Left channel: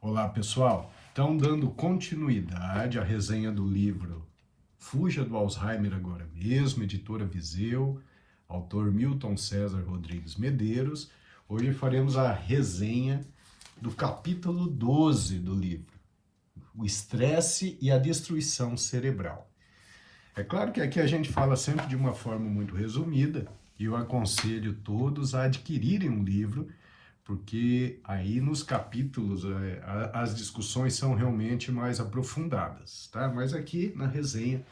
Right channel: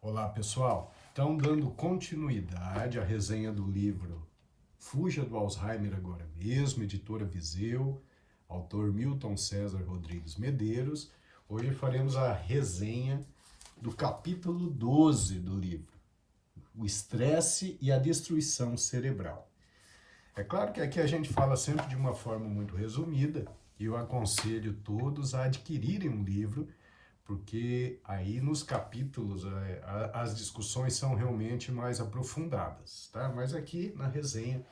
Olá, pessoal. Então, dando continuidade à resenha do livro Fuja do Alzheimer Agora Mesmo, editora Viseu, autor Milton César Rodrigues Medeiros. Hoje faremos a resenha do capítulo 12 do livro, O Estresse e a Destruição Cerebral. É claro que aqui a gente fala sempre de uma forma muito resumida, e eu aconselho todos a adquirirem um livro, porque aí nos capítulos as discussões são realmente mais aprofundadas, tá? Mas aqui na resenha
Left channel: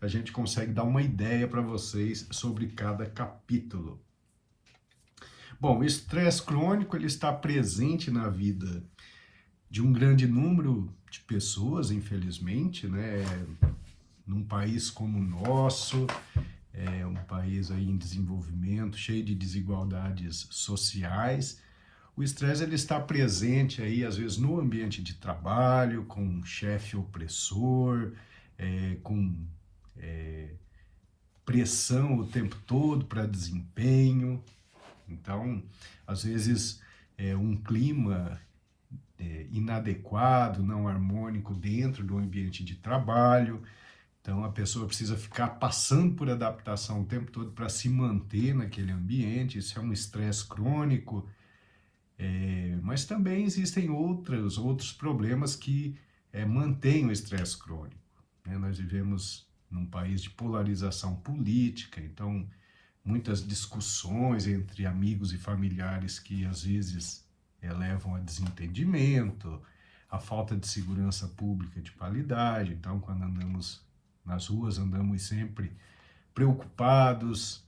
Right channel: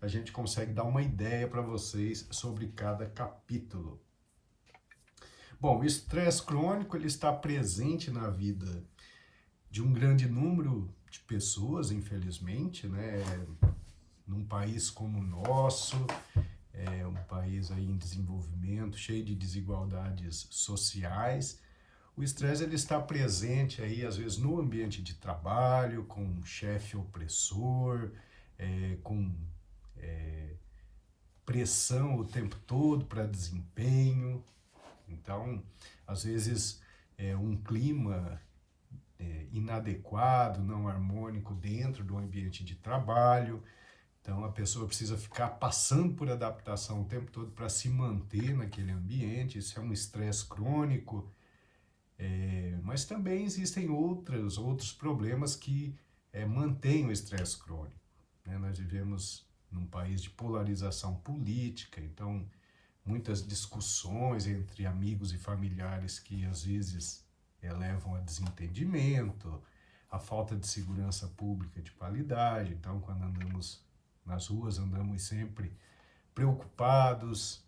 a gente consegue dar uma ideia para vocês sobre cada capítulo. Bom, o estresse crônico ele está presente na vida de um grande número de pessoas, infelizmente, né? Num país como o nosso, um país aí em desenvolvimento, cheio de desigualdades sociais. O estresse ele está presente aí às vezes no ambiente de trabalho, com um chefe opressor, com pressão o tempo todo para desempenho. Então, às vezes um clima inadequado, não harmônico dentro do ambiente de trabalho. Então a pessoa precisa ficar passando por adaptação o tempo todo para se manter naquele ambiente. Isso é um estresse crônico. Mas também existem outros problemas que mantêm o estresse crônico, né? Nós vivemos num país de polarização política, então muitas discussões entre amigos e familiares que às vezes levam a desentendimento, a falta de segurança pública de qualidade. Então, quando andamos nas ruas, andamos sempre preocupados,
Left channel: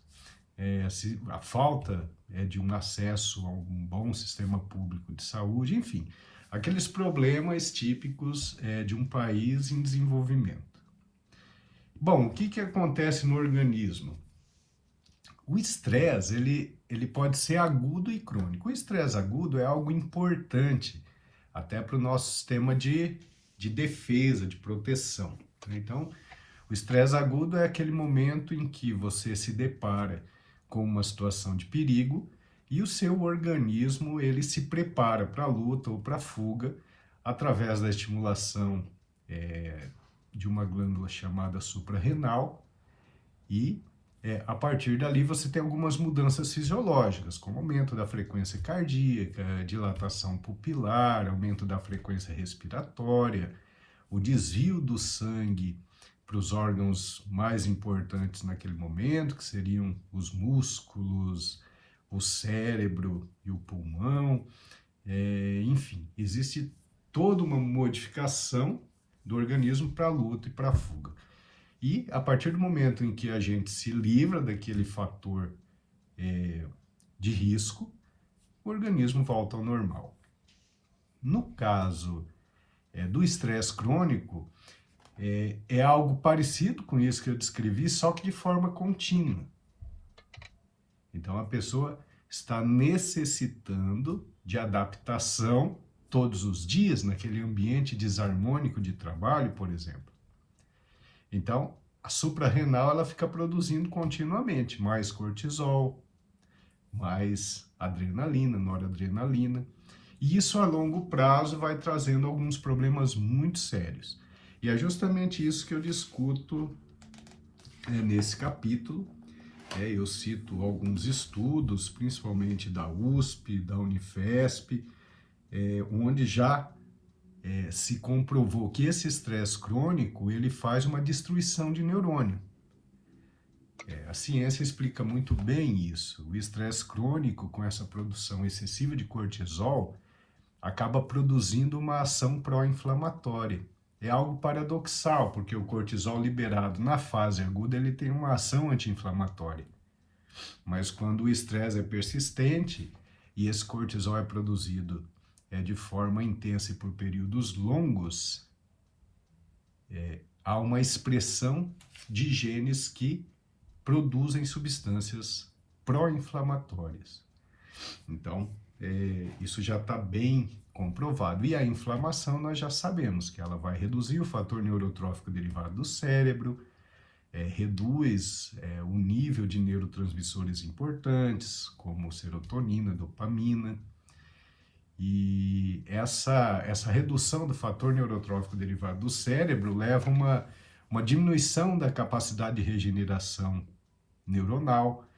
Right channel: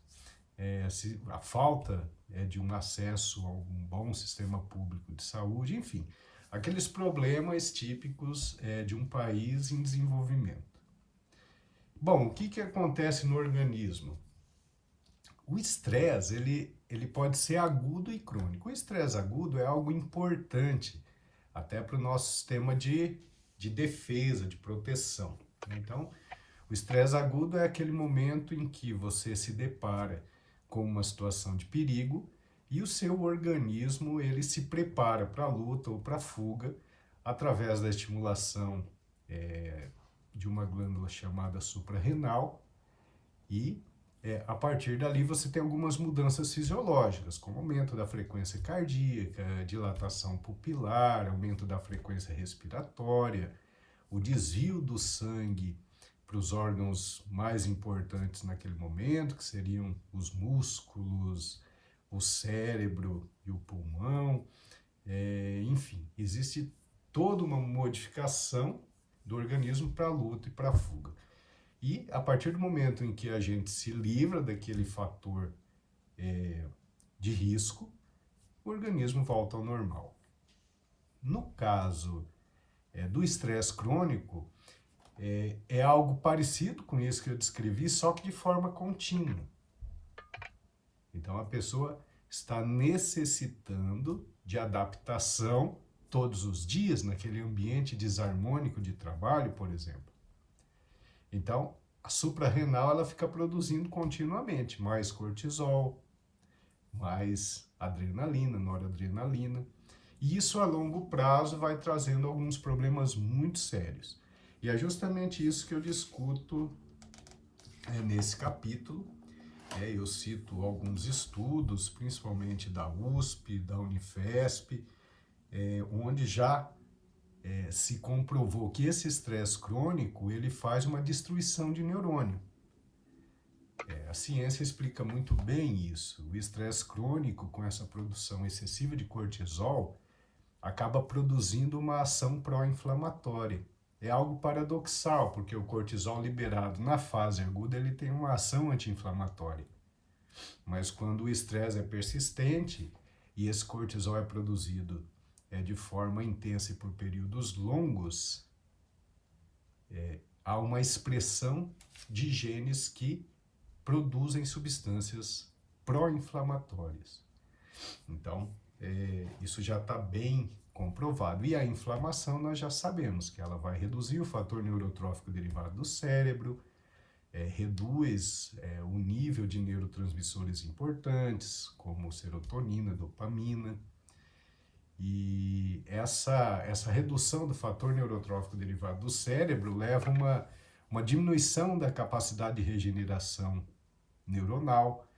a falta de um acesso a um bom sistema público de saúde, enfim, aqueles problemas típicos de um país em desenvolvimento. Bom, o que acontece no organismo? O estresse, ele pode ser agudo e crônico. O estresse agudo é algo importante até para o nosso sistema de defesa, de proteção. Então, o estresse agudo é aquele momento em que você se depara com uma situação de perigo e o seu organismo ele se prepara para a luta ou para a fuga através da estimulação de uma glândula chamada suprarrenal e a partir dali você tem algumas mudanças fisiológicas, como aumento da frequência cardíaca, dilatação pupilar, aumento da frequência respiratória, o desvio do sangue para os órgãos mais importantes naquele momento, que seriam os músculos, o cérebro e o pulmão. Enfim, existe toda uma modificação do organismo para a luta e para a fuga. E a partir do momento em que a gente se livra daquele fator de risco, o organismo volta ao normal. No caso do estresse crônico, é algo parecido com isso que eu descrevi, só que de forma contínua. Então a pessoa está necessitando de adaptação todos os dias naquele ambiente desarmônico de trabalho, por exemplo. Então a suprarrenal ela fica produzindo continuamente mais cortisol, mais adrenalina, noradrenalina, e isso a longo prazo vai trazendo alguns problemas muito sérios. E é justamente isso que eu discuto nesse capítulo. Eu cito alguns estudos, principalmente da USP, da Unifesp, onde já se comprovou que esse estresse crônico ele faz uma destruição de neurônio. A ciência explica muito bem isso. O estresse crônico, com essa produção excessiva de cortisol, acaba produzindo uma ação pró-inflamatória. É algo paradoxal, porque o cortisol liberado na fase aguda ele tem uma ação anti-inflamatória. Mas quando o estresse é persistente e esse cortisol é produzido de forma intensa e por períodos longos, há uma expressão de genes que produzem substâncias pró-inflamatórias. Então, isso já está bem comprovado. E a inflamação nós já sabemos que ela vai reduzir o fator neurotrófico derivado do cérebro, reduz o nível de neurotransmissores importantes, como serotonina, dopamina. E essa redução do fator neurotrófico derivado do cérebro leva a uma diminuição da capacidade de regeneração neuronal,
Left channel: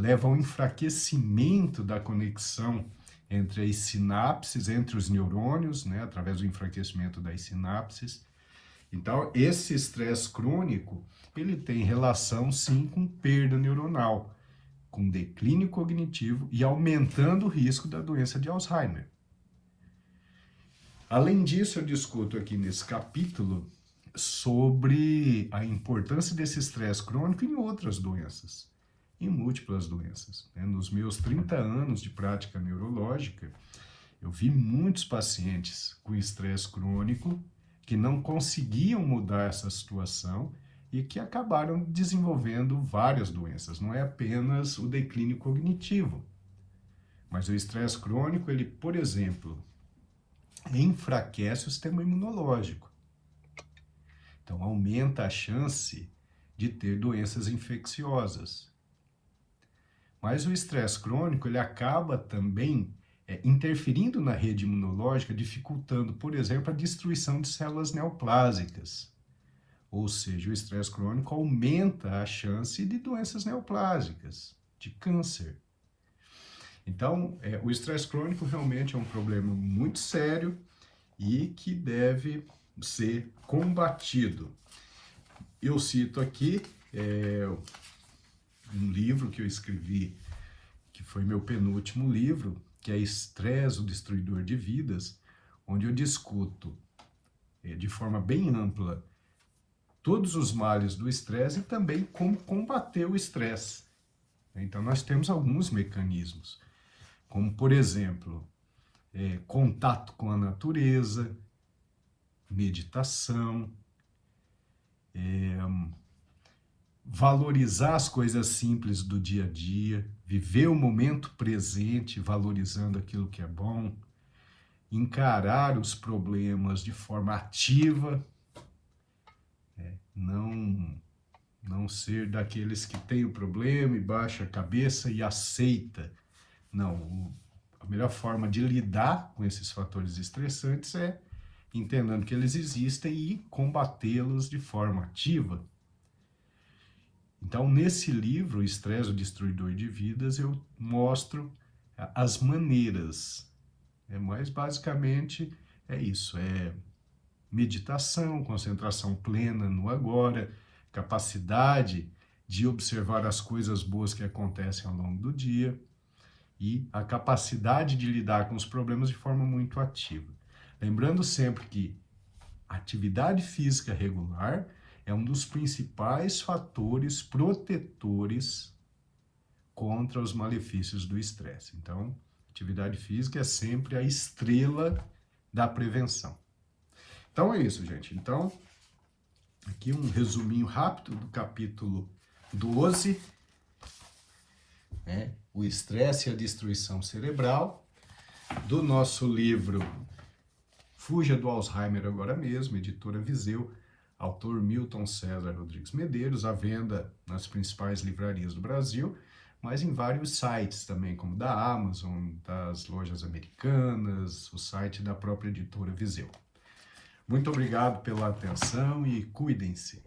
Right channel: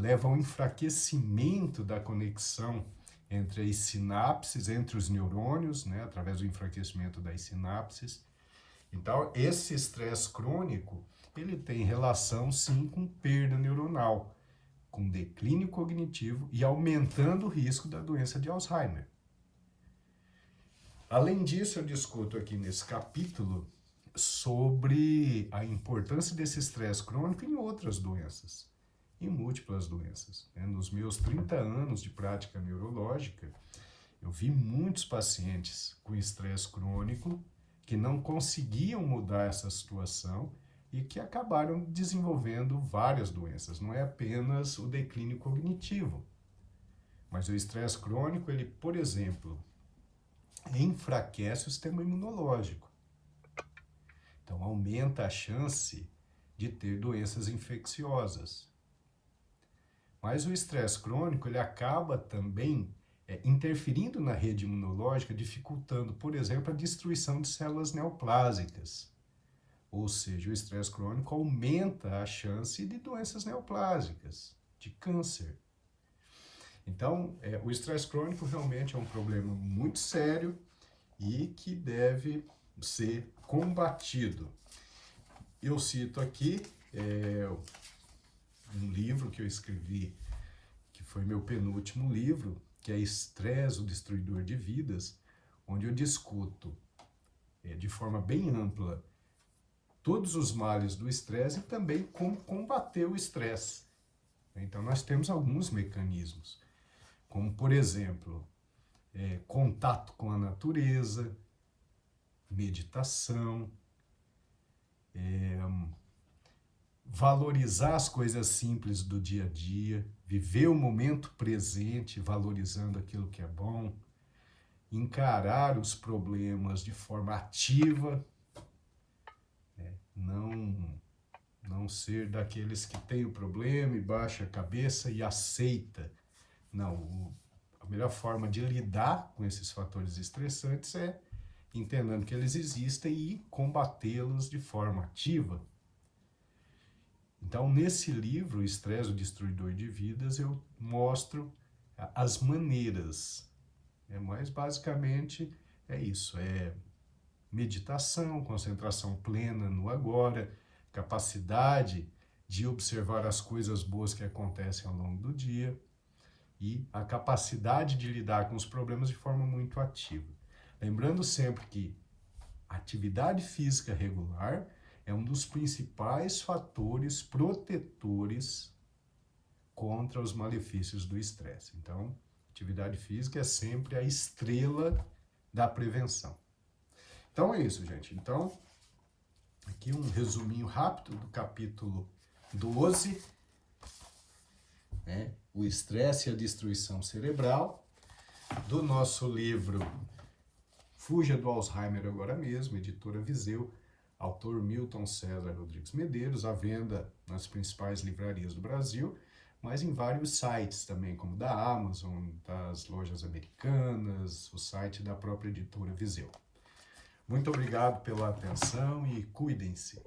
leva ao enfraquecimento da conexão entre as sinapses, entre os neurônios, né, através do enfraquecimento das sinapses. Então, esse estresse crônico, ele tem relação, sim, com perda neuronal, com declínio cognitivo e aumentando o risco da doença de Alzheimer. Além disso, eu discuto aqui nesse capítulo sobre a importância desse estresse crônico em outras doenças, em múltiplas doenças. Nos meus 30 anos de prática neurológica, eu vi muitos pacientes com estresse crônico que não conseguiam mudar essa situação e que acabaram desenvolvendo várias doenças. Não é apenas o declínio cognitivo, mas o estresse crônico, ele, por exemplo, enfraquece o sistema imunológico. Então, aumenta a chance de ter doenças infecciosas. Mas o estresse crônico, ele acaba também interferindo na rede imunológica, dificultando, por exemplo, a destruição de células neoplásicas. Ou seja, o estresse crônico aumenta a chance de doenças neoplásicas, de câncer. Então, o estresse crônico realmente é um problema muito sério e que deve ser combatido. Eu cito aqui um livro que eu escrevi, que foi meu penúltimo livro, que é Estresse, o Destruidor de Vidas, onde eu discuto de forma bem ampla todos os males do estresse e também como combater o estresse. Então, nós temos alguns mecanismos, como, por exemplo, contato com a natureza, meditação, valorizar as coisas simples do dia a dia, viver o momento presente, valorizando aquilo que é bom, encarar os problemas de forma ativa, não ser daqueles que tem o problema e baixa a cabeça e aceita. Não, a melhor forma de lidar com esses fatores estressantes é entendendo que eles existem e combatê-los de forma ativa. Então, nesse livro, Estresse, o Destruidor de Vidas, eu mostro as maneiras. Mas, basicamente, é isso. Meditação, concentração plena no agora, capacidade de observar as coisas boas que acontecem ao longo do dia e a capacidade de lidar com os problemas de forma muito ativa. Lembrando sempre que a atividade física regular é um dos principais fatores protetores contra os malefícios do estresse. Então, atividade física é sempre a estrela da prevenção. Então é isso, gente. Então, aqui um resuminho rápido do capítulo 12, o estresse e a destruição cerebral, do nosso livro Fuja do Alzheimer Agora Mesmo, editora Viseu, autor Milton César Rodrigues Medeiros, à venda nas principais livrarias do Brasil, mas em vários sites também, como da Amazon, das lojas americanas, o site da própria editora Viseu. Muito obrigado pela atenção e cuidem-se.